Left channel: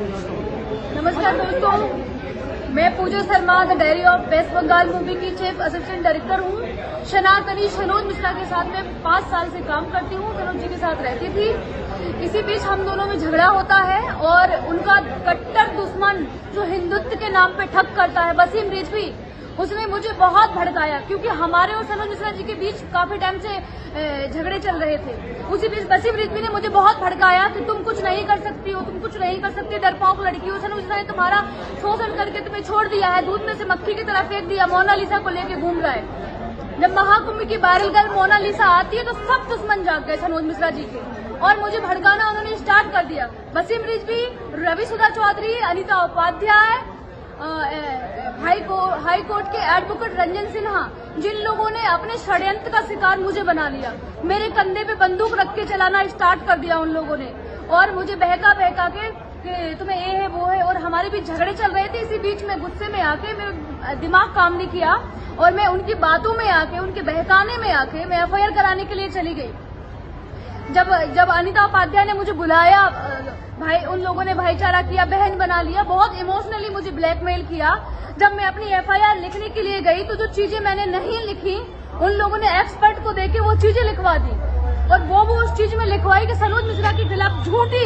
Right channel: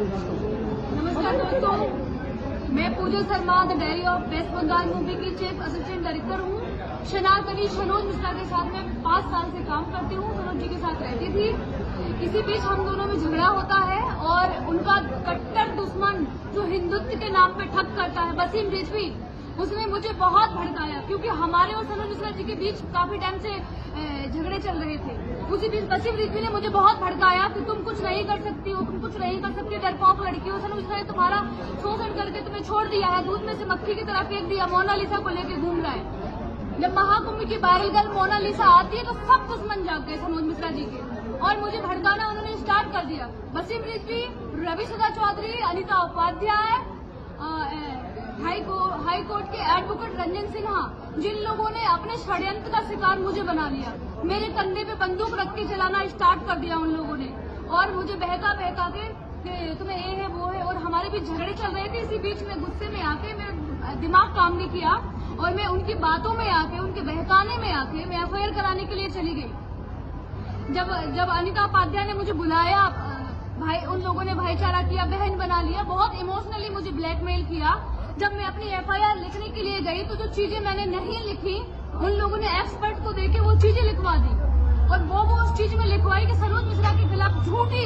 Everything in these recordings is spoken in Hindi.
नमस्कार दोस्तों, मैं Pooja Sharma the diary of West Bengal movie की चीफ असिस्टेंट डायरेक्टर हूँ। सनातनी सनोज मिश्रा के साथ मैं 5 साल से काम करती हूँ। सनोज जी के साथ रहती थी। इसी बीच हम दोनों में झगड़ा होता है और उनका कट्टर दुश्मन जो हिंदुत्व के नाम पे ठग करता है, वसीम रिजवी, उसने मुझे बहुत भड़काया क्योंकि हमारे और सनोज मिश्रा जी के बीच काफी टाइम से झगड़े चल रहे थे। उसी बीच वसीम रिजवी ने मुझे बहुत भड़काया कि तुम कुछ नहीं कर सकती हो, तुम कुछ नहीं कर सकती, डरपोक लड़की हो। सनोज मिश्रा ने तुम्हारा शोषण करके तुम्हें छोड़ दिया है, दूध में से मक्खी की तरह फेंक दिया, मोनालिसा को लेके घूम रहा है। जब महाकुंभ की वायरल गर्ल मोनालिसा आती है तो सब दुश्मन जाग गए सनोज मिश्रा जी के और मुझे भड़काना उन्होंने स्टार्ट कर दिया। वसीम रिजवी, रवि सुधा चौधरी, अनिता उपाध्याय, हाई कोर्ट के एडवोकेट रंजन सिन्हा, जिन लोगों ने अपने षड्यंत्र का शिकार मुझे बना लिया, मेरे कंधे पे बंदूक रख के चलाना स्टार्ट कर दिया उन लोगों ने और मुझे बहका के कि तुम्हें ये है वो है, और हमारे बीच झगड़े चल रहे थे। इसी बीच में गुस्से में आके मेरा दिमाग काम नहीं किया और मैं उनकी बातों में आके, उनके बहकाने में आके मैं एफआईआर कराने के लिए चली गई। जब अनिता उपाध्याय ने मुझे बुलाया, भाई उन लोगों ने भाईचारा किया, बहन बना लिया, बहुत इमोशनली मुझे ब्लैकमेल किया। जब मैं अपनी एफआईआर लिखने के लिए गई तो जो चीजें मैंने नहीं लिखी उन लोगों ने एक्सपर्ट को देके वो चीजें लिखवा दी और वो उस चीज में लिखवाई कि सनोज मिश्रा के खिलाफ झूठी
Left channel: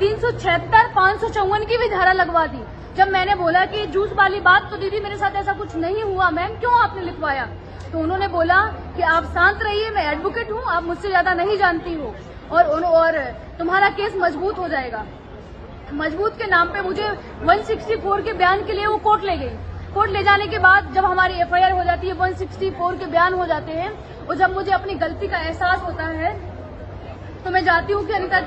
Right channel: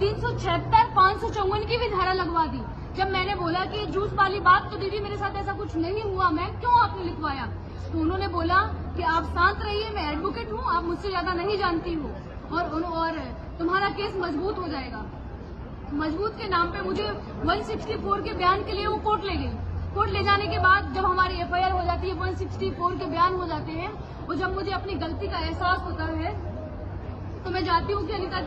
376, 554 की भी धारा लगवा दी। जब मैंने बोला कि जूस वाली बात तो दीदी मेरे साथ ऐसा कुछ नहीं हुआ मैम, क्यों आपने लिखवाया? तो उन्होंने बोला कि आप शांत रहिए, मैं एडवोकेट हूँ, आप मुझसे ज्यादा नहीं जानती हो और तुम्हारा केस मजबूत हो जाएगा। मजबूत के नाम पे मुझे 164 के बयान के लिए वो कोर्ट ले गई। कोर्ट ले जाने के बाद जब हमारी एफआईआर हो जाती है, 164 के बयान हो जाते हैं और जब मुझे अपनी गलती का एहसास होता है तो मैं जाती हूँ कि अनिता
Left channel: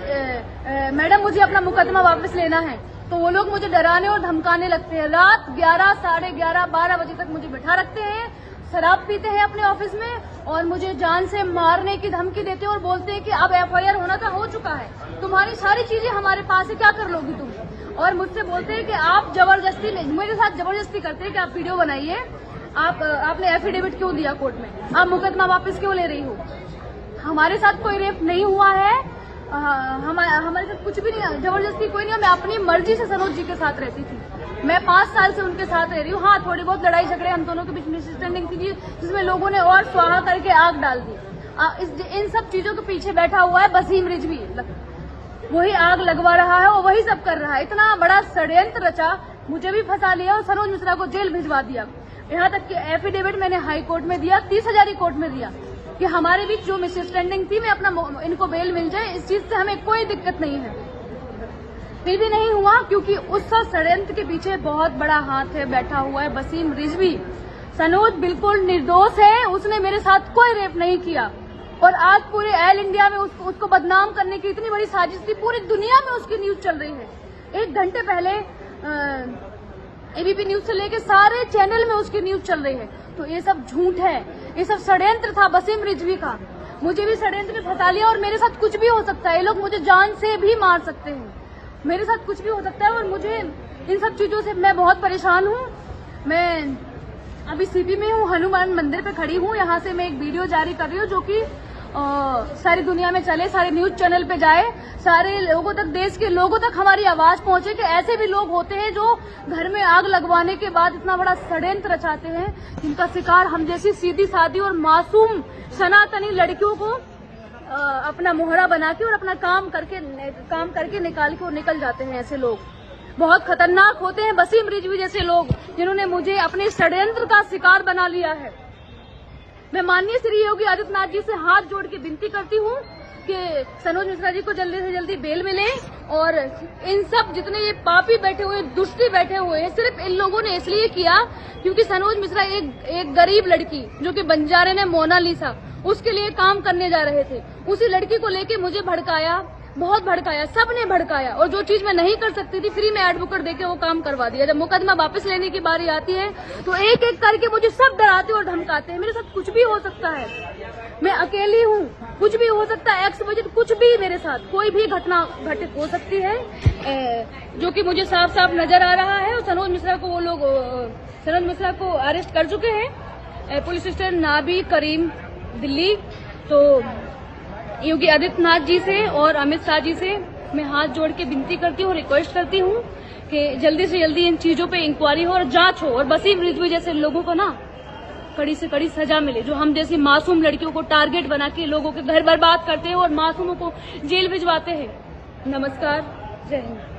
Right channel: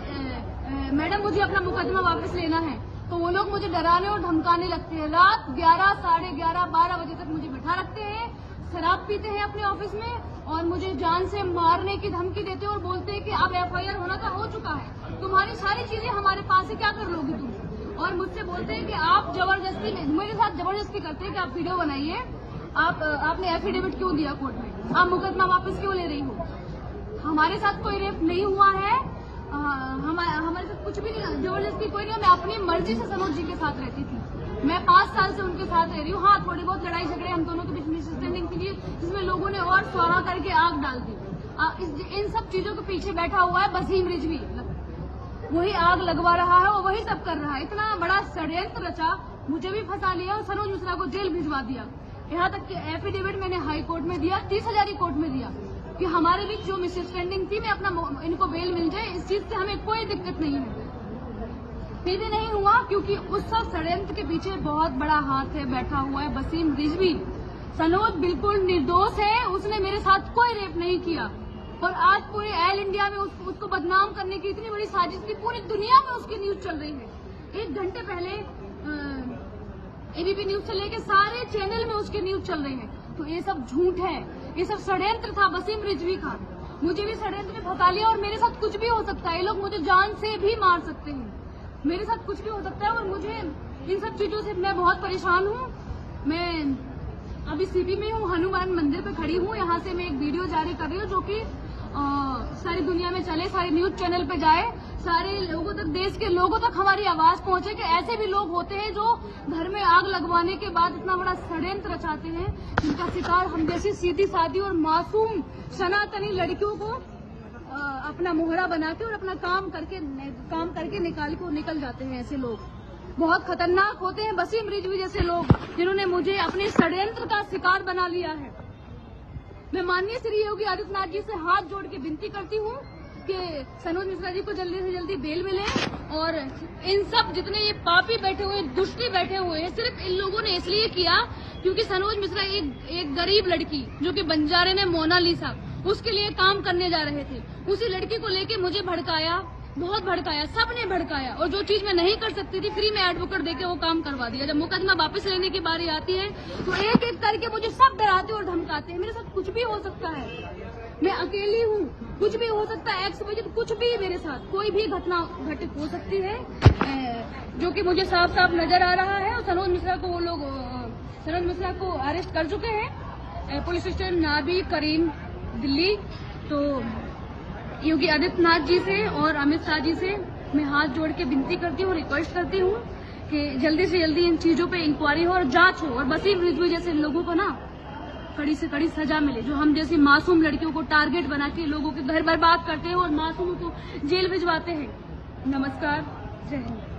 मैडम मुझे अपना मुकदमा वापस लेना है। तो वो लोग मुझे डराने और धमकाने लगते हैं। रात 11, साढ़े 11, 12 बजे तक मुझे बैठा रखते हैं, शराब पीते हैं अपने ऑफिस में और मुझे जान से मारने की धमकी देते हैं और बोलते हैं कि अब एफआईआर होना था, हो चुका है, तुम्हारी सारी चीजें हमारे पास है, क्या कर लोगी तुम? और मुझसे बोलते हैं कि आप जबरदस्ती, मेरे साथ जबरदस्ती करते हैं कि आप वीडियो बनाइए, आपने एफिडेविट क्यों दिया कोर्ट में, आप मुकदमा वापस क्यों ले रही हो? हमारे साथ कोई रेप नहीं हुआ है, हमारे साथ कुछ भी नहीं, जबरदस्ती कोई नहीं। मैं अपनी मर्जी से सनोज जी के साथ रहती थी, मैं 5 साल से उनके साथ रह रही हूँ। हाँ, थोड़ी बहुत लड़ाई झगड़े हम दोनों के बीच मिसअंडरस्टैंडिंग थी जिसमें लोगों ने और स्वाहा करके आग डाल दी। इन सब चीजों के पीछे बैठा हुआ है वसीम रिजवी, वही आग लगवा रहा है और वही सब कर रहा है। इतना बड़ा षड्यंत्र रचा, मुझे भी फंसा लिया और सनोज मिश्रा को जेल भिजवा दिया। यहाँ तक कि एफिडेविट मैंने हाई कोर्ट में दिया, 30,000 कोर्ट में दिया कि हमारे बीच जो मिसअंडरस्टैंडिंग थी, मैं अपना इनको बेल मिल जाए, इस चीज से हमें कोई दिक्कत नहीं है। फिर भी नहीं हुआ क्योंकि उस षड्यंत्र के पीछे बहुत बड़ा हाथ है, बैठा हुआ है वसीम रिजवी। सनोज बिल्कुल निर्दोष है, उसने मेरे साथ कोई रेप नहीं किया और आज पूरे ऑल इंडिया में उसको बदनाम करने की इतनी बड़ी साजिश थी, पूरी दुनिया में उसकी न्यूज चल रही है। 1 घंटे पहले एबीपी न्यूज से लेके सारे चैनल में उसकी न्यूज चल रही है। तो ये सब झूठ है, ये सब षड्यंत्र था वसीम रिजवी का। मुझे भी षड्यंत्र में फंसा लिया और मेरे साथ कुछ भी हो सकता है, ये लोग मुझे जान से भी मार सकते हैं, मेरे साथ कुछ भी हो सकता है और मुझे इन सब चीजों से मैं बहुत परेशान हूँ। मैं अभी सीपी में हूँ, हनुमान मंदिर पे खड़ी हूँ। यहाँ से मैं एक वीडियो जारी कर रही हूँ जो कि सारी दुनिया में चले, सारे न्यूज चैनल पे जाए, सारे लोगों तक, देश के लोगों तक हमारी आवाज पहुंचे कि ऐसे भी लोग होते हैं जो घर में आग लगवाने के बाद इतना बड़ा षड्यंत्र रचाते हैं, जिनका शिकार हम जैसी सीधी सादी और मासूम सनातनी लड़कियों को अपना मोहरा बना के और अपना काम करके निकल जाते हैं। ऐसे लोग बहुत खतरनाक होते हैं, वसीम रिजवी जैसे लोग, जिन्होंने मुझे अपने षड्यंत्र का शिकार बना लिया है। मैं माननीय श्री योगी आदित्यनाथ जी से हाथ जोड़ के विनती करती हूँ कि सनोज मिश्रा जी को जल्दी से जल्दी बेल मिले और इन सब जितने ये पापी बैठे हुए, दुष्टी बैठे हुए हैं, सिर्फ इन लोगों ने इसलिए किया क्योंकि सनोज मिश्रा एक गरीब लड़की जो कि बंजारे ने मोनालिसा, उसके लिए काम करने जा रहे थे, उसी लड़की को लेके मुझे भड़काया, बहुत भड़काया, सबने भड़काया और जो चीज मैं नहीं कर सकती थी फ्री में एडवोकेट देके वो काम करवा दिया। जब मुकदमा वापस लेने की बारी आती है तो एक एक करके मुझे सब डराते और धमकाते हैं। मेरे साथ कुछ भी हो सकता है, मैं अकेली हूँ, कुछ भी हो सकता है, XYZ कुछ भी मेरे साथ कोई भी घटना घटित हो सकती है, जो कि मुझे साफ साफ नजर आ रहा है। और सनोज मिश्रा को वो लोग सनोज मिश्रा को अरेस्ट कर चुके हैं पुलिस स्टेशन नाबी करीम दिल्ली। तो योगी आदित्यनाथ जी से और अमित शाह जी से मैं हाथ जोड़ के विनती करती हूँ, रिक्वेस्ट करती हूँ कि जल्दी से जल्दी इन चीजों पे इंक्वायरी हो और जांच हो और वसीम रिजवी जैसे लोगों को ना कड़ी से कड़ी सजा मिले, जो हम जैसी मासूम लड़कियों को टारगेट बना के लोगों के घर बर्बाद करते हैं और मासूमों को जेल भिजवाते हैं। नमस्कार, जय हिंद।